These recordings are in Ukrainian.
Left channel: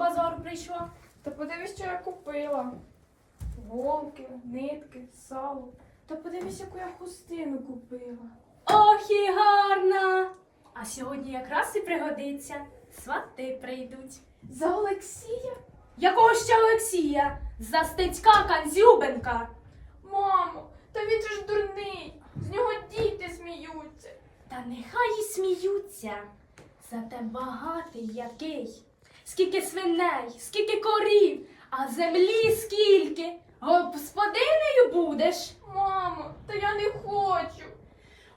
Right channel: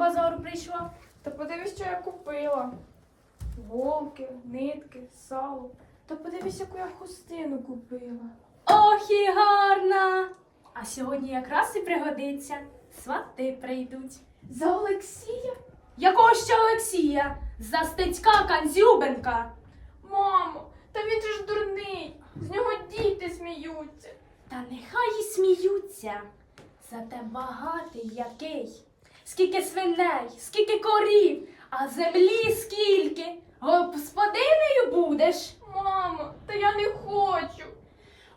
базару прийшла? Та подивись, що я купила. Голки, нитки, сало. Та подивись, яку я хустину купила. Ох і гарна! А сьогодні якраз і пригодиться. Свати прийдуть. За Олексія? Якого ще Олексія? За Стецька Канзюбенка. Мамо, та він же ж дурний. З нього діти сміються. Та нехай і сміються. Зате багатий який. Скільки свиней, скільки корів, а землі скільки. Господинею будеш. Мамо, та я не хочу.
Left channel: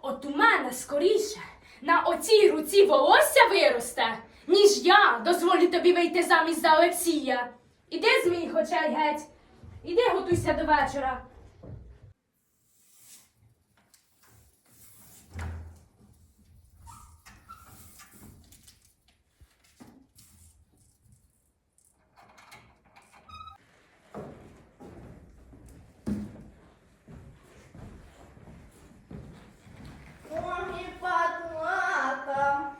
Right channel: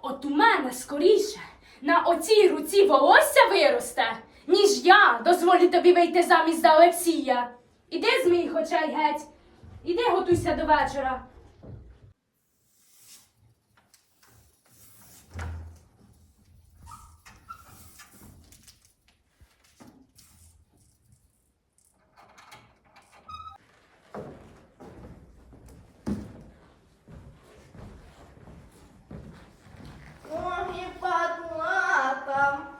От у мене скоріше на оцій руці волосся виросте, ніж я дозволю тобі вийти замість за Олексія. Іди з моїх очей геть. Іди готуйся до вечора. Ноги патлата.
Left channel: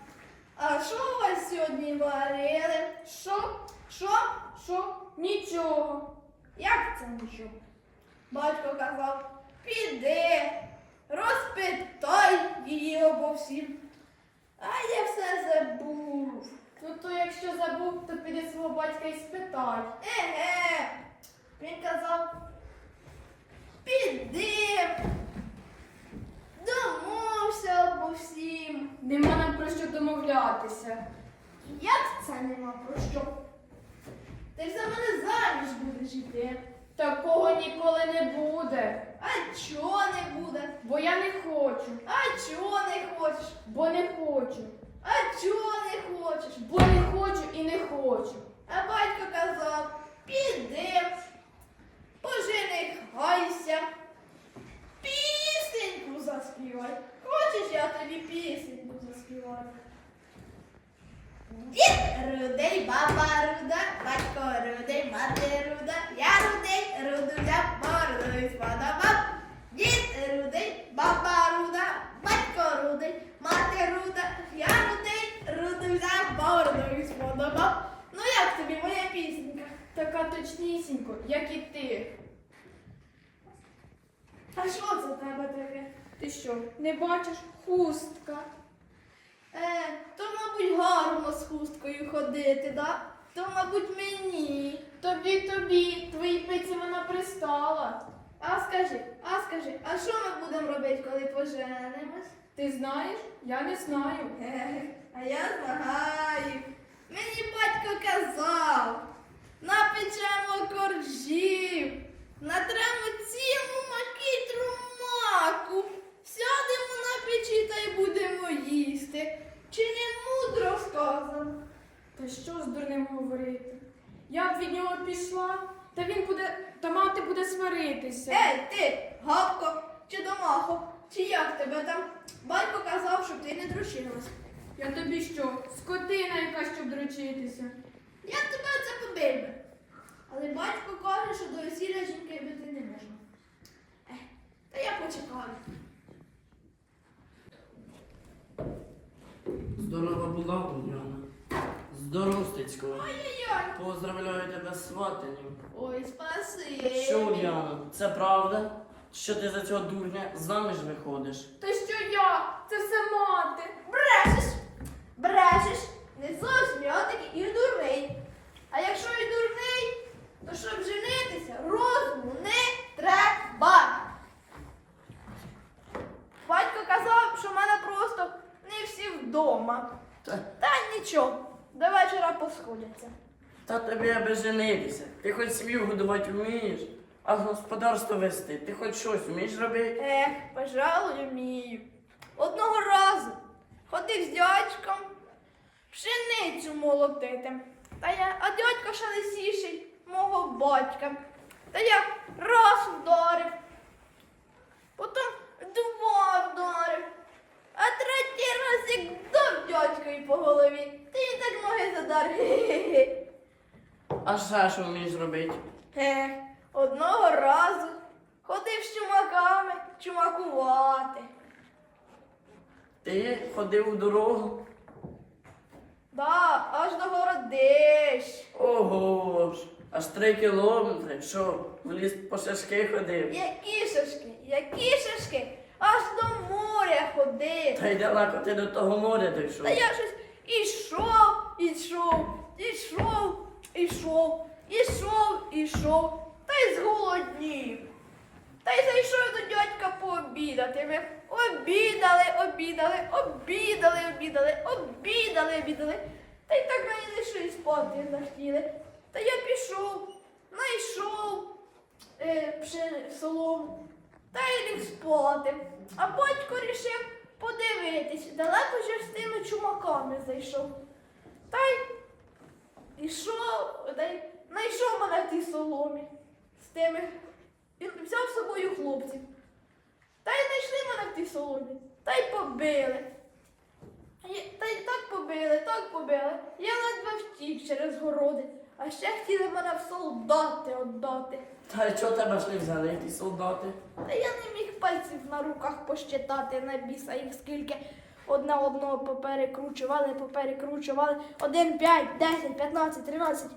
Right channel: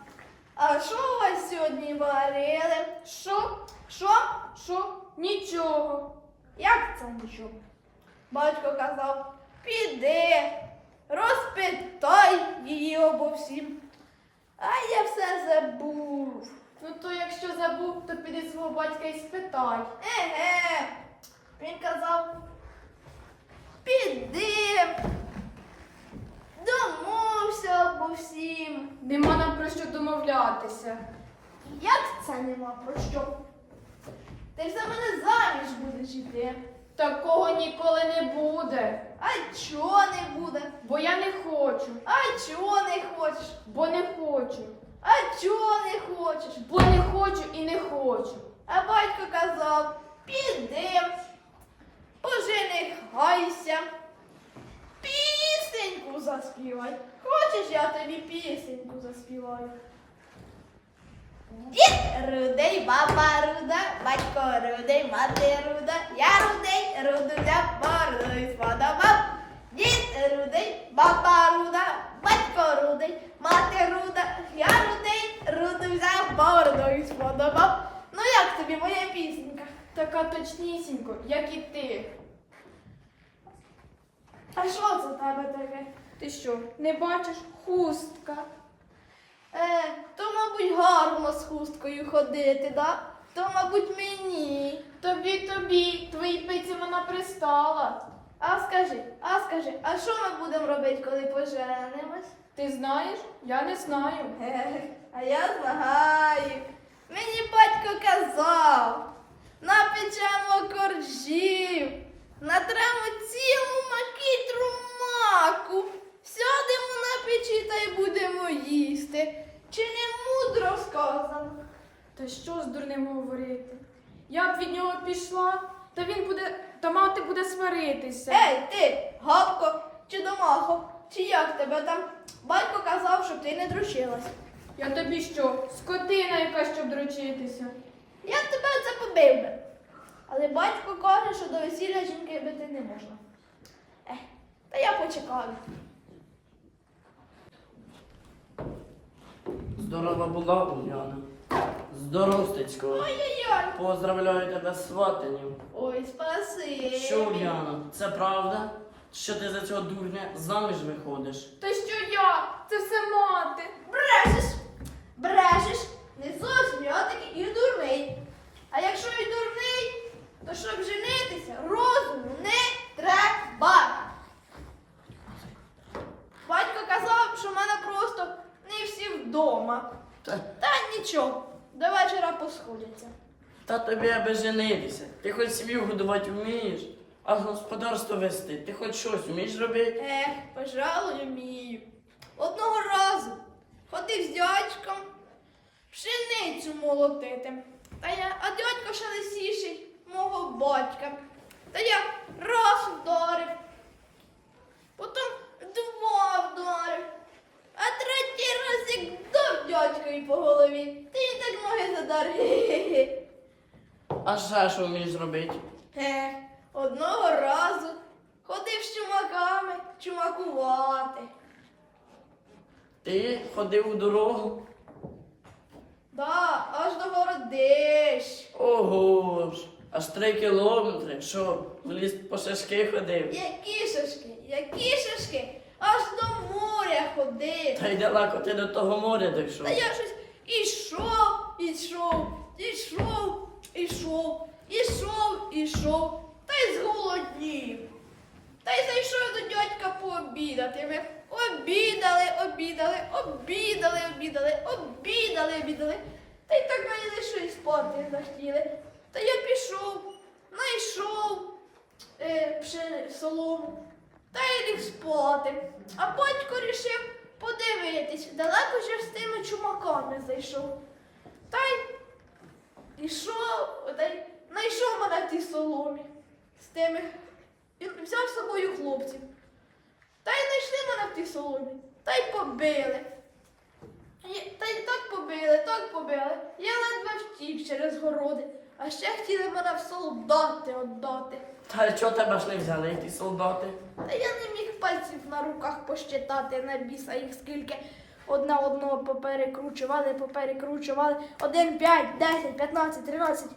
А що у вас сьогодні варили? Що? Що? Що? Нічого. Як? Батько казав, піди, розпитай її обо всім. А я все забув. Ну то якщо забув, то піди свого батька і спитай. Еге. Він казав, піди. Домовся обо всім. Нема нам про що домовлятися. Як це нема про що? Ти ж за мене заміж будеш йти. Такого ніколи не буде. А чого не буде? Бо я не хочу. А чого не хочеш? Бо не хочу. А чого не хочеш? Бо не хочу і не хочу. А батько казав, піди, поженихайся, пісеньку заспівай. Хочеш, я тобі пісеньку заспіваю? Дід рудий, баба руда, батько рудий, мати руда, я рудий, руду взяв, бородою сподобав. Дід рудий, баба руда, батько рудий, мати руда, я рудий, руду взяв, бородою сподобав. Ну як тобі моя пісенька? Така точнісінько, як і ти. А що це в тебе таке? Ти що, не бачиш хустка? Е, то, мабуть, гарно з хусткою ходити, да? То, мабуть, мені. Тобі, тобі, твоїй пиці вона пристала. А скажи, а скажи, а що ми будемо робити, коли поженимось? Ти знаєш? Я не знаю. А я знаю. Мені батько казав, напечемо коржів, натремо цілу макітру маку, сядемо на печі та й будемо їсти. Чи не мудро сказано? Та що з дурним говорити? Я б від нього пішла, та він буде, та мати буде сваритися. Ей, ти, гавко, чи домахо, чи як тебе там? Батько казав, щоб ти не дручилась. Я тобі що, скотина яка, щоб дрочитися? Я б тебе це побив би. Але батько каже, що до весілля жінки бити не можна. Ех, та я почекаю. Здорова була, Уляна. Здоров, Ой-ой-ой. Поздравляю тебе з сватанням. Ой, спаси. Що, Уляна, це правда? Що ти за цього дурня заміж виходиш? Та що я? Це все мати. Брешеш, брешеш. Не зовсім я таки і дурний. А якщо і дурний, то щоб женитися, розуму не треба. Батько казав, що в мене просто не всі вдома. Та, Та нічого, до вечора посходяться. та тобі аби женитися. Ти хоч сім'ю годувати вмієш, а господарство вести. Ти хоч щось вмієш робити? Ех, пожалуй, вмію. Одного разу ходив з дядьком пшеницю молотити. Та я, а дядько ще лисіший мого батька. Та я раз вдарив, потім два вдарив, а третій раз як дав дядькові по голові, та він так ноги задар. А ще що вмієш робити? Ех, одного разу ходив з чумаками чумакувати. Ти ходив у дорогу? Да, аж до городищ. Ого ж, аж три кілометри. Що, в ліс по шашки ходив? Які шашки, які шашки, аж до моря ходив. Та й далеко ти до того моря дійшов. Та я щось ішов, ішов, ішов, ішов, ішов, ішов, та й зголоднів. Та й зайшов до дядька пообідати. Ми обідали, обідали, обідали, обідали, обідали, обідали. Та й так мені що й спати захотіли. Та я пішов, знайшов е, пшени- та й ліг спати. А батько рішив подивитись, далеко ж з тими чумаками зайшов. Та й ішов, та й знайшов мене в тій соломі з тими. Він взяв з собою хлопців. Та й знайшли мене в тій соломі, та й побили. Та й так побили, так побили. Я ледве втік через городи, а ще хотіли мене в солдати віддати. Та й чого тебе ж не взяли, ті солдати? Та я не міг пальців на руках посчитати на біса їх скільки одна одного поперекручували, поперекручували. 1, 5, 10, 15, 13.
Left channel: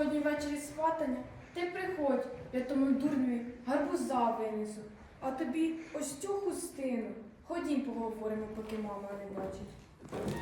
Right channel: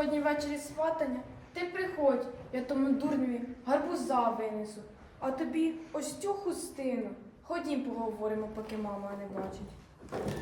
Сьогодні ввечері сватання. Ти приходь, я тому дурню гарбуза винесу. А тобі ось цю хустину. Ходім поговоримо, поки мама не бачить.